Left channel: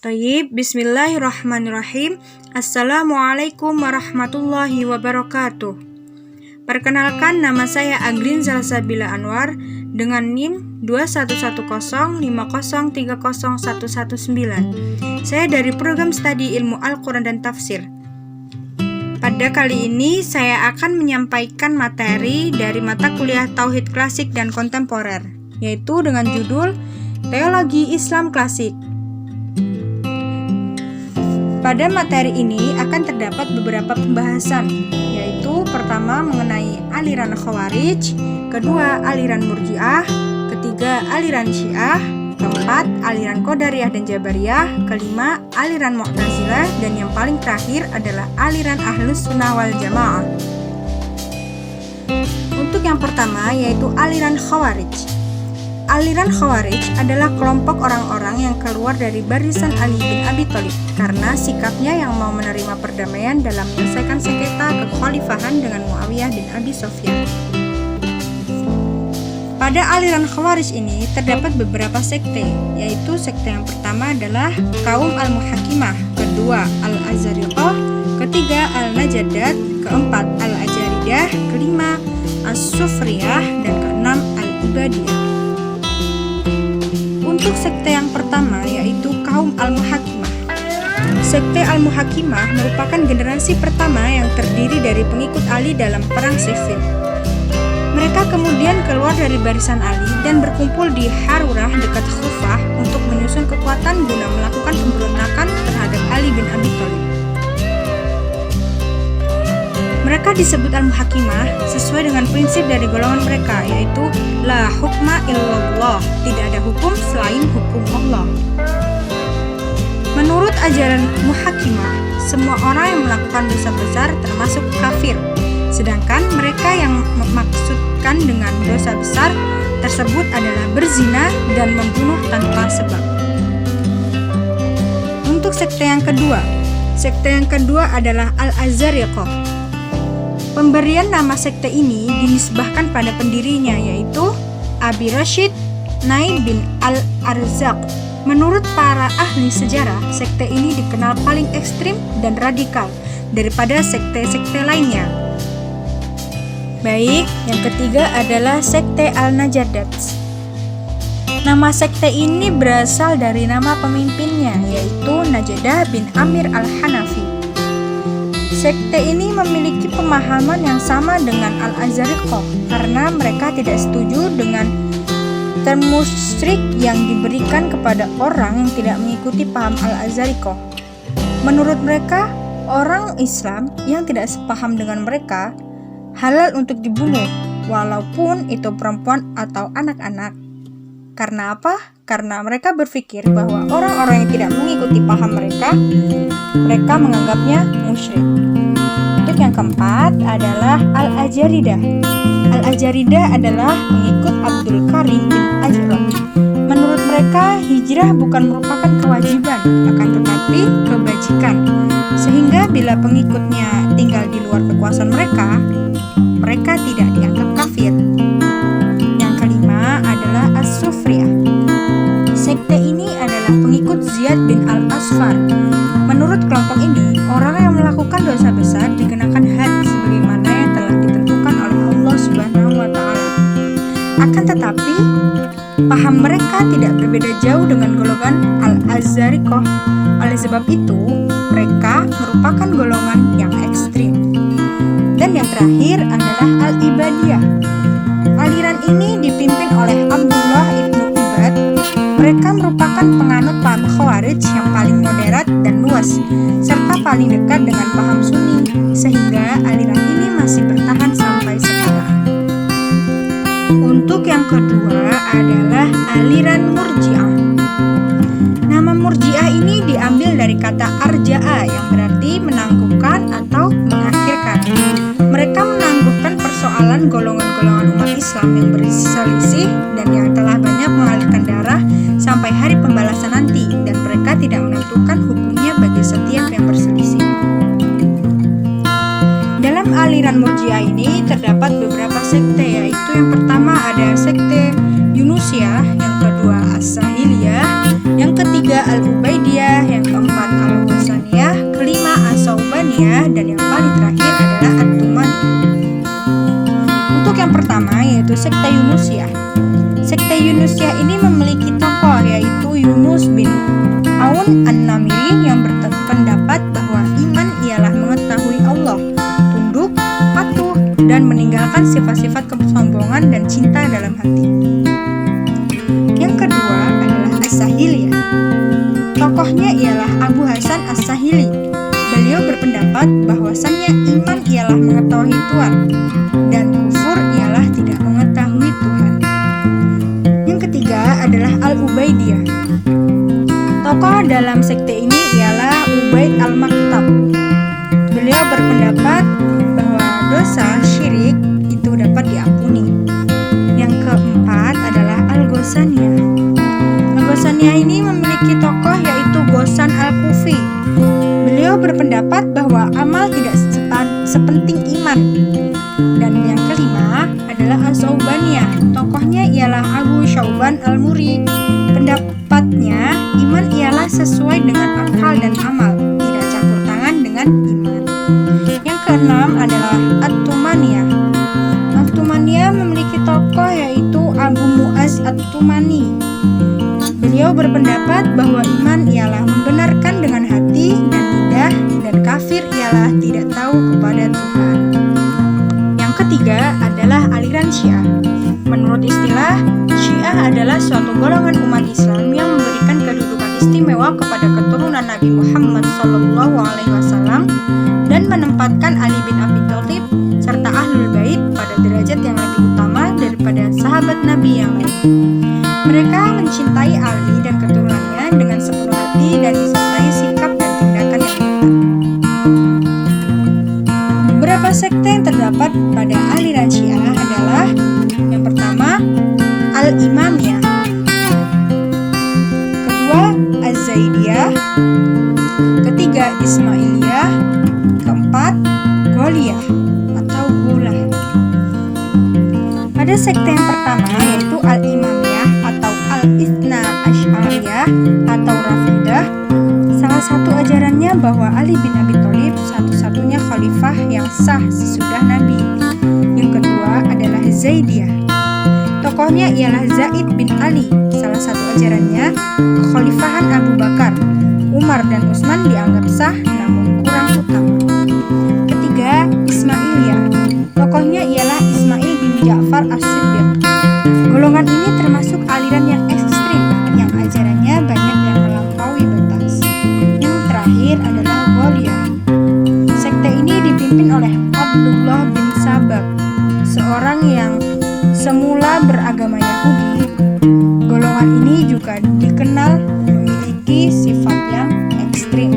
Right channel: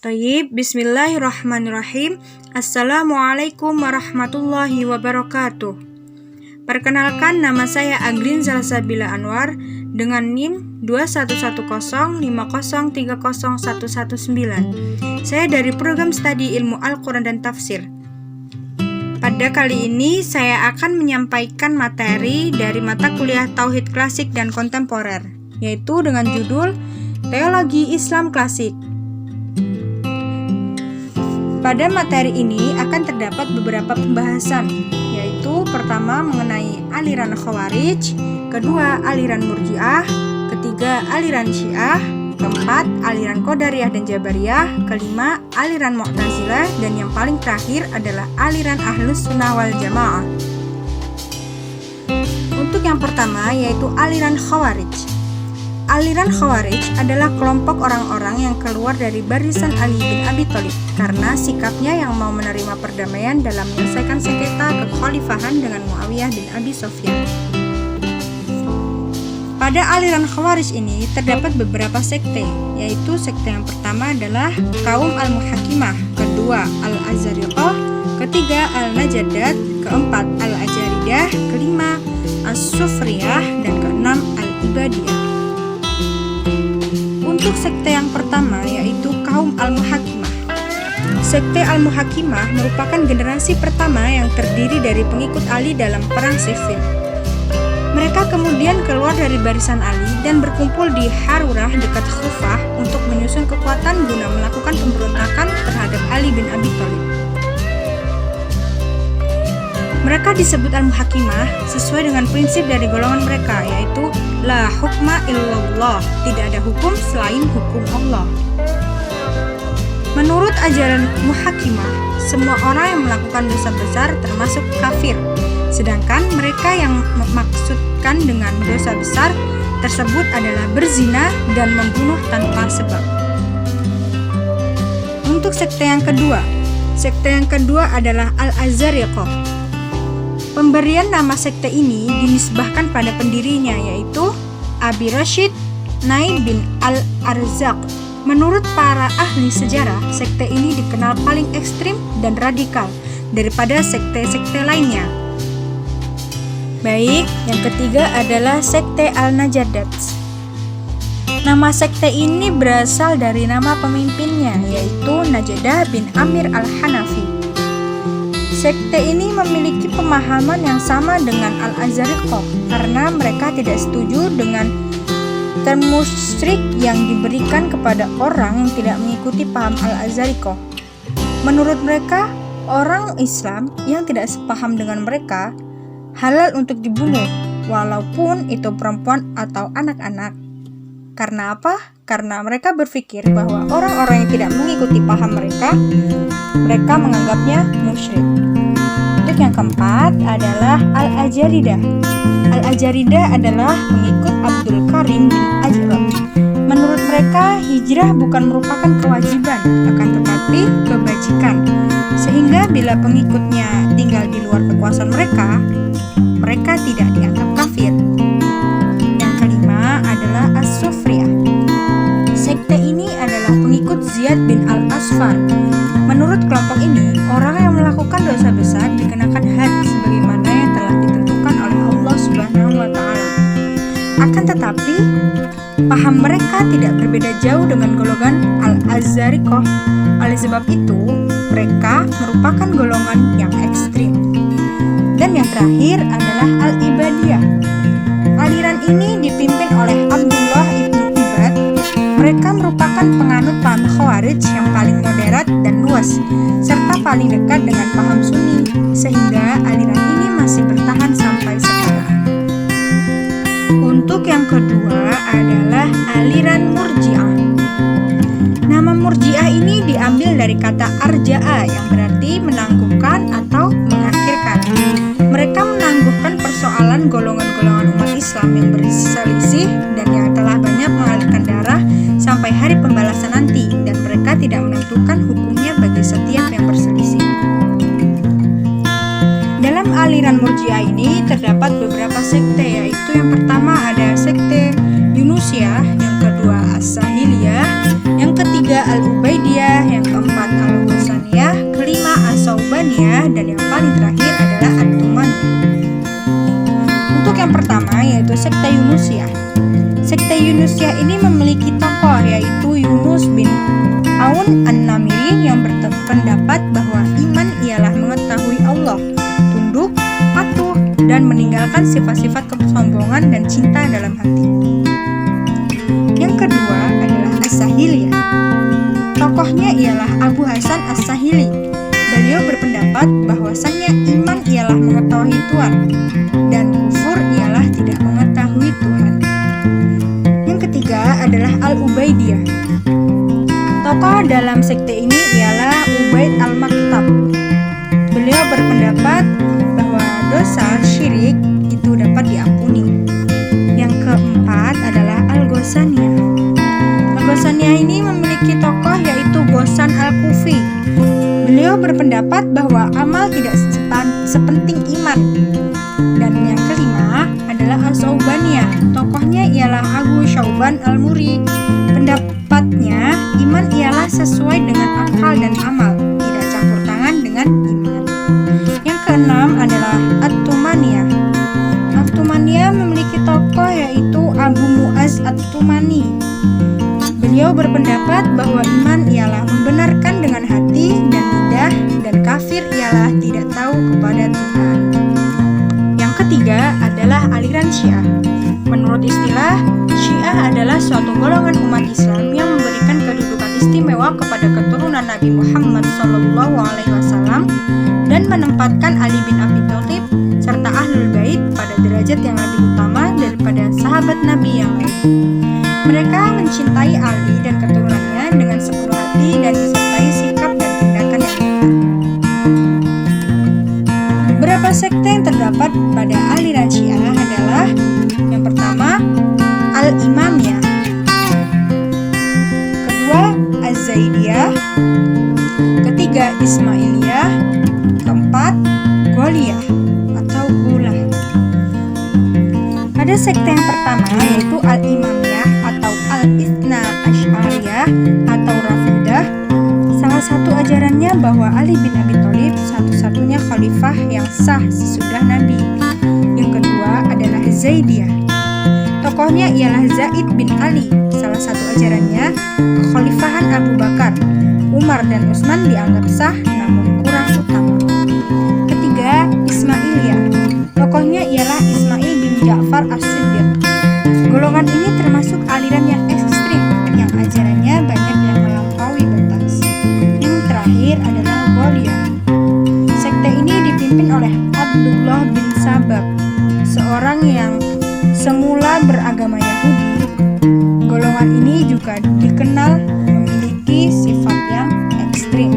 Bismillahirrahmanirrahim. Assalamualaikum warahmatullahi wabarakatuh. Perkenalkan, nama saya Aglin Salsabila Anwar dengan NIM 211030301119. Saya dari program studi Ilmu Al-Quran dan Tafsir. Pada kali ini saya akan menyampaikan materi dari mata kuliah Tauhid Klasik dan Kontemporer, yaitu dengan judul Teologi Islam Klasik. Pada materi ini akan terdapat beberapa pembahasan, yaitu pertama mengenai aliran Khawarij, kedua aliran Murji'ah, ketiga aliran Syiah, keempat aliran Qadariyah dan Jabariyah, kelima aliran Mu'tazilah, dan yang paling terakhir adalah aliran Ahlus Sunnah wal Jamaah. Untuk yang pertama yaitu aliran Khawarij. Aliran Khawarij adalah kelompok orang-orang yang keluar dari barisan Ali bin Abi Thalib karena sikapnya yang mau menerima perdamaian dalam menyelesaikan sengketa kekhalifahan dengan Muawiyah bin Abi Sufyan. Pada aliran Khawarij ini terdapat beberapa sekte, yaitu sekte yang pertama adalah kaum Al-Muhakimah, kedua Al-Azariqah, ketiga Al-Najadat, keempat Al-Ajaridah, kelima As-Sufriyah, dan keenam Al-Ibadiyah. Untuk sekte yang pertama yaitu kaum Al-Muhakimah. Sekte Al-Muhakimah merupakan generasi pertama yang terdiri dari pengikut Ali dalam perang Siffin. Mereka kemudian keluar dari barisan Ali dan berkumpul di Harurah dekat Kufah untuk menyusun kekuatan guna melakukan pemberontakan terhadap Ali bin Abi Thalib. Mereka disebut Al-Muhakimah sesuai dengan prinsip dari golongan mereka, yaitu La hukma illallah, tidak ada hukum selain hukum Allah. Menurut ajaran Muhakimah, semua orang yang melakukan dosa besar termasuk kafir, sedangkan mereka yang memaksudkan dengan dosa besar tersebut adalah berzina dan membunuh tanpa sebab. Untuk sekte yang kedua adalah Al-Azariqah. Pemberian nama sekte ini dinisbahkan pada pendirinya, yaitu Abi Rashid Naib bin Al-Arzaq. Menurut para ahli sejarah, sekte ini dikenal paling ekstrim dan radikal daripada sekte-sekte lainnya. Baik, yang ketiga adalah sekte Al-Najadat. Nama sekte ini berasal dari nama pemimpinnya, yaitu Najadah bin Amir Al-Hanafi. Sekte ini memiliki pemahaman yang sama dengan Al-Azariqah karena mereka tidak setuju dengan term musyrik yang diberikan kepada orang yang tidak mengikuti paham Al-Azariqah. Menurut mereka, orang Islam yang tidak sepaham dengan mereka halal untuk dibunuh, walaupun itu perempuan atau anak-anak. Karena apa? Karena mereka berpikir bahwa orang-orang yang tidak mengikuti paham mereka menganggapnya musyrik. Untuk yang keempat adalah Al-Ajaridah. Al-Ajaridah adalah pengikut Abdul Karim bin Ajrad. Menurut mereka, hijrah bukan merupakan kewajiban, akan tetapi kebajikan. Sehingga bila pengikutnya tinggal di luar kekuasaan mereka tidak dianggap kafir. Yang kelima adalah As-Sufriyah. Sekte ini adalah pengikut Ziyad bin Al-Asfar. Menurut kelompok ini, orang yang melakukan dosa besar dikenakan had sebagaimana yang telah ditentukan oleh Allah Subhanahu wa Ta'ala. Akan tetapi, paham mereka tidak berbeda jauh dengan golongan Al-Azariqah. Oleh sebab itu, mereka merupakan golongan yang ekstrim. Dan yang terakhir adalah Al-Ibadiyah. Aliran ini dipimpin oleh Abdullah ibnu Ubad. Mereka merupakan penganut paham Khawarij yang paling moderat dan luas, serta paling dekat dengan paham Sunni, sehingga aliran ini masih bertahan sampai sekarang. Untuk yang kedua adalah aliran Murji'ah. Nama Murji'ah ini diambil dari kata arja'a yang berarti menangguhkan atau mengakhirkan. Mereka menangguhkan persoalan golongan-golongan umat Islam yang berselisih dan yang telah banyak mengalirkan darah sampai hari pembalasan nanti, dan mereka tidak menentukan hukumnya bagi setiap yang berselisih. Dalam aliran Murji'ah ini terdapat beberapa sekte, yaitu yang pertama ada sekte Yunusiyah, yang kedua As-Sahiliyah, Yang ketiga Al-Ubaidiyah, yang keempat Al-Ghosaniyah, kelima As-Saubaniyah, dan yang paling terakhir adalah At-Tumaniyah. Untuk yang pertama yaitu sekte Yunusiyah. Sekte Yunusiyah ini memiliki tokoh yaitu Yunus bin Aun An-Namiri yang berpendapat bahwa iman ialah mengetahui Allah, tunduk, patuh, dan meninggalkan sifat-sifat kesombongan dan cinta dalam hati. Yang kedua adalah As-Sahiliyah. Tokohnya ialah Abu Hasan As-Sahili. Beliau berpendapat bahwasannya iman ialah mengetahui Tuhan dan kufur ialah tidak mengetahui Tuhan. Yang ketiga adalah Al-Ubaidiyah. Tokoh dalam sekte ini ialah Ubaid Al-Maktab. Beliau berpendapat bahwa dosa syirik itu dapat diampuni. Yang keempat adalah Al-Ghosaniyah. Al-Ghosaniyah ini memiliki tokoh yaitu Ghossan Al-Kufi. Beliau berpendapat bahwa amal tidak sepenting iman. Dan yang kelima adalah As-Saubaniyah. Tokohnya ialah Abu Syauban Al-Muri. Pendapatnya, iman ialah sesuai dengan akal dan amal, tidak campur tangan dengan iman. Yang keenam adalah At-Tumaniyah. At-Tumaniyah memiliki tokoh yaitu Abu Mu'az At-Tumani. Beliau berpendapat bahwa iman ialah membenarkan dengan hati dan lidah, dan kafir ialah tidak tahu kepada Tuhan. Yang ketiga adalah aliran Syiah. Menurut istilah, Syiah adalah suatu golongan umat Islam yang memberikan kedudukan istimewa kepada keturunan Nabi Muhammad SAW dan menempatkan Ali bin Abi Thalib serta Ahlul Bait pada derajat yang lebih utama daripada sahabat Nabi yang lain. Mereka mencintai Ali dan keturunannya dengan sepenuh hati dan disertai sikap dan tindakan yang nyata. Beberapa sekte yang terdapat pada aliran Syiah adalah yang pertama Al-Imamiyah, kedua Az-Zaidiyah, ketiga Ismailiyah, keempat Goliyah atau Gulah. Pada sekte yang pertama yaitu Al-Imamiyah atau Al-Itsna Asy'ariyah atau Rafidah. Salah satu ajarannya bahwa Ali bin Abi Thalib satu-satunya khalifah yang sah sesudah Nabi. Yang kedua adalah Zaidiyah. Tokohnya ialah Zaid bin Ali. Salah satu ajarannya kekhalifahan Abu Bakar, Umar dan Utsman dianggap sah namun kurang utama. Ketiga, Ismailiyah. Tokohnya ialah Ismail bin Ja'far As-Siddiq. Golongan ini termasuk aliran yang ekstrim, yang ajarannya banyak yang melampaui batas. Yang terakhir adalah Goliyah. Sekte ini dipimpin oleh Abdullah bin Sabab, seorang yang semula beragama Yahudi. Golongan ini juga dikenal memiliki sifat yang ekstrim.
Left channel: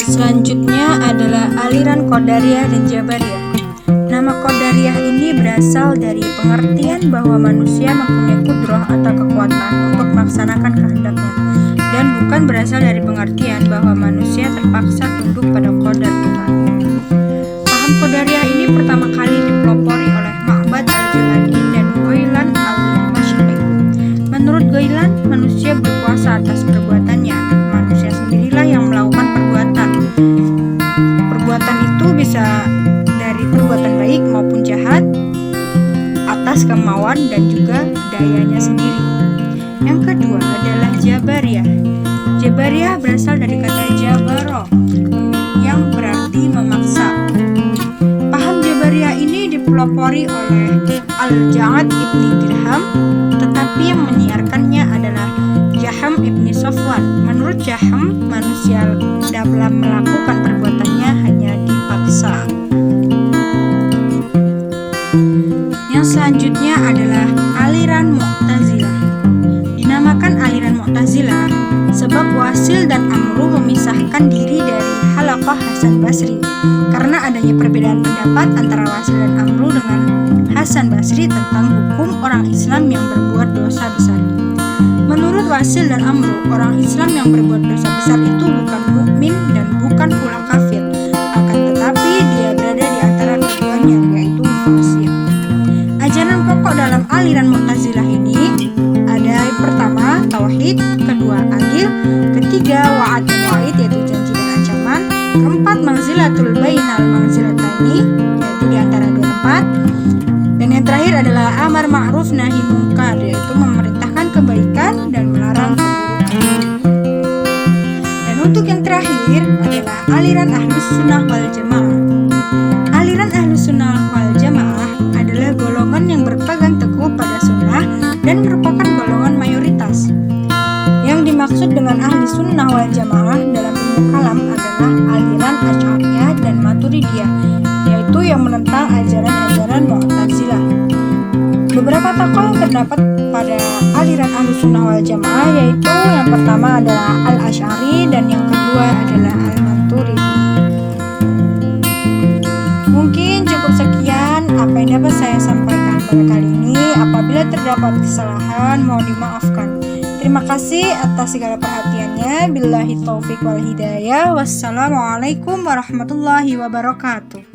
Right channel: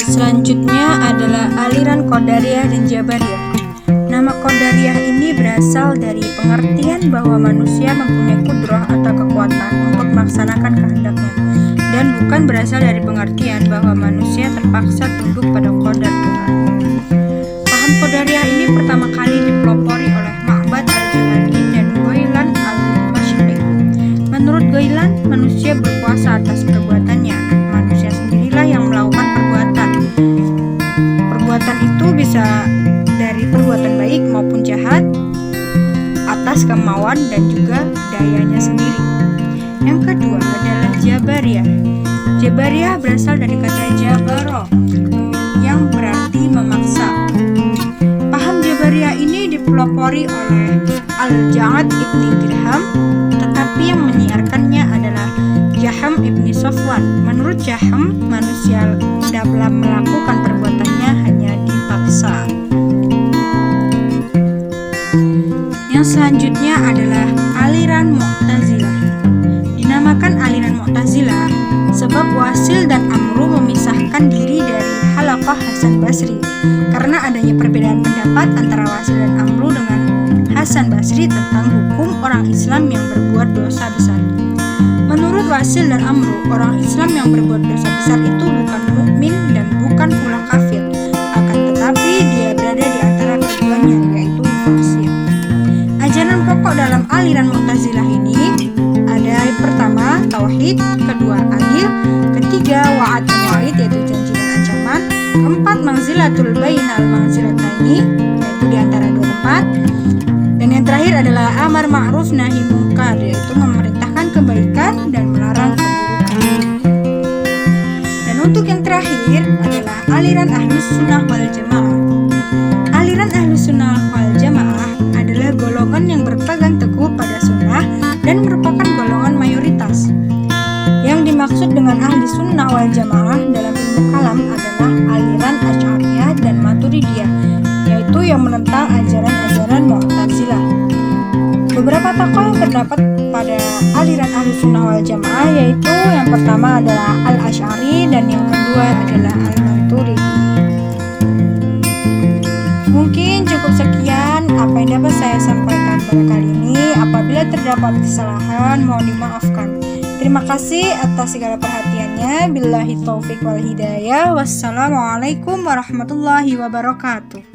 Selanjutnya adalah aliran Qadariyah dan Jabariyah. Nama Qadariyah ini berasal dari pengertian bahwa manusia mempunyai kudrah atau kekuatan untuk melaksanakan kehendaknya, dan bukan berasal dari pengertian bahwa manusia terpaksa tunduk pada qadar Tuhan. Paham Qadariyah ini pertama kali dipelopori oleh Ma'bad al-Juhani dan Ghailan al-Dimashqi. Menurut Ghailan, manusia berkuasa atas perbuatannya. Manusia sendirilah yang melakukan perbuatan. Perbuatan itu bisa dari perbuatan baik maupun jahat atas kemauan dan juga dayanya sendiri. Yang kedua adalah Jabariyah. Jabariyah berasal dari kata jabaro yang berarti memaksa. Paham Jabariyah ini dipelopori oleh Al-Ja'ad ibni Dirham, tetapi yang menyiarkannya adalah Jaham ibni Safwan. Menurut Jaham, manusia dalam melakukan perbuatannya hanya dipaksa. Yang selanjutnya adalah aliran Mu'tazilah. Dinamakan aliran Mu'tazilah sebab Wasil dan Amru memisahkan diri dari Halaqah Hasan Basri karena adanya perbedaan pendapat antara Wasil dan Amru dengan Hasan Basri tentang hukum orang Islam yang berbuat dosa besar. Menurut Wasil dan Amru, orang Islam yang berbuat dosa besar itu bukan mukmin dan bukan pula kafir, akan tetapi dia berada di antara keduanya, yaitu fasik. Ajaran pokok dalam aliran Mu'tazilah ini ada pertama tauhid, kedua adil, ketiga wa'ad dan wa'id yaitu janji dan ancaman, keempat manzilatul bainal manzilataini yaitu di antara dua tempat, dan yang terakhir adalah amar ma'ruf nahi mungkar yaitu memerintahkan kebaikan dan melarang keburukan. Dan untuk yang terakhir adalah aliran Ahlus Sunnah wal Jamaah. Aliran Ahlus Sunnah wal Jamaah adalah golongan yang berpegang teguh pada sunnah dan merupakan golongan mayoritas. Yang dimaksud dengan ahli sunnah wal jamaah dalam ilmu kalam adalah aliran Asy'ariyah dan Maturidiyah, yaitu yang menentang ajaran-ajaran Mu'tazilah. Beberapa tokoh yang terdapat pada aliran ahli sunnah wal jamaah yaitu yang pertama adalah Al-Asy'ari dan yang kedua adalah Al-Maturidi. Mungkin cukup sekian apa yang dapat saya sampaikan pada kali ini. Apabila terdapat kesalahan, mohon dimaafkan. Terima kasih atas segala perhatiannya. Billahi taufik wal hidayah. Wassalamualaikum warahmatullahi wabarakatuh.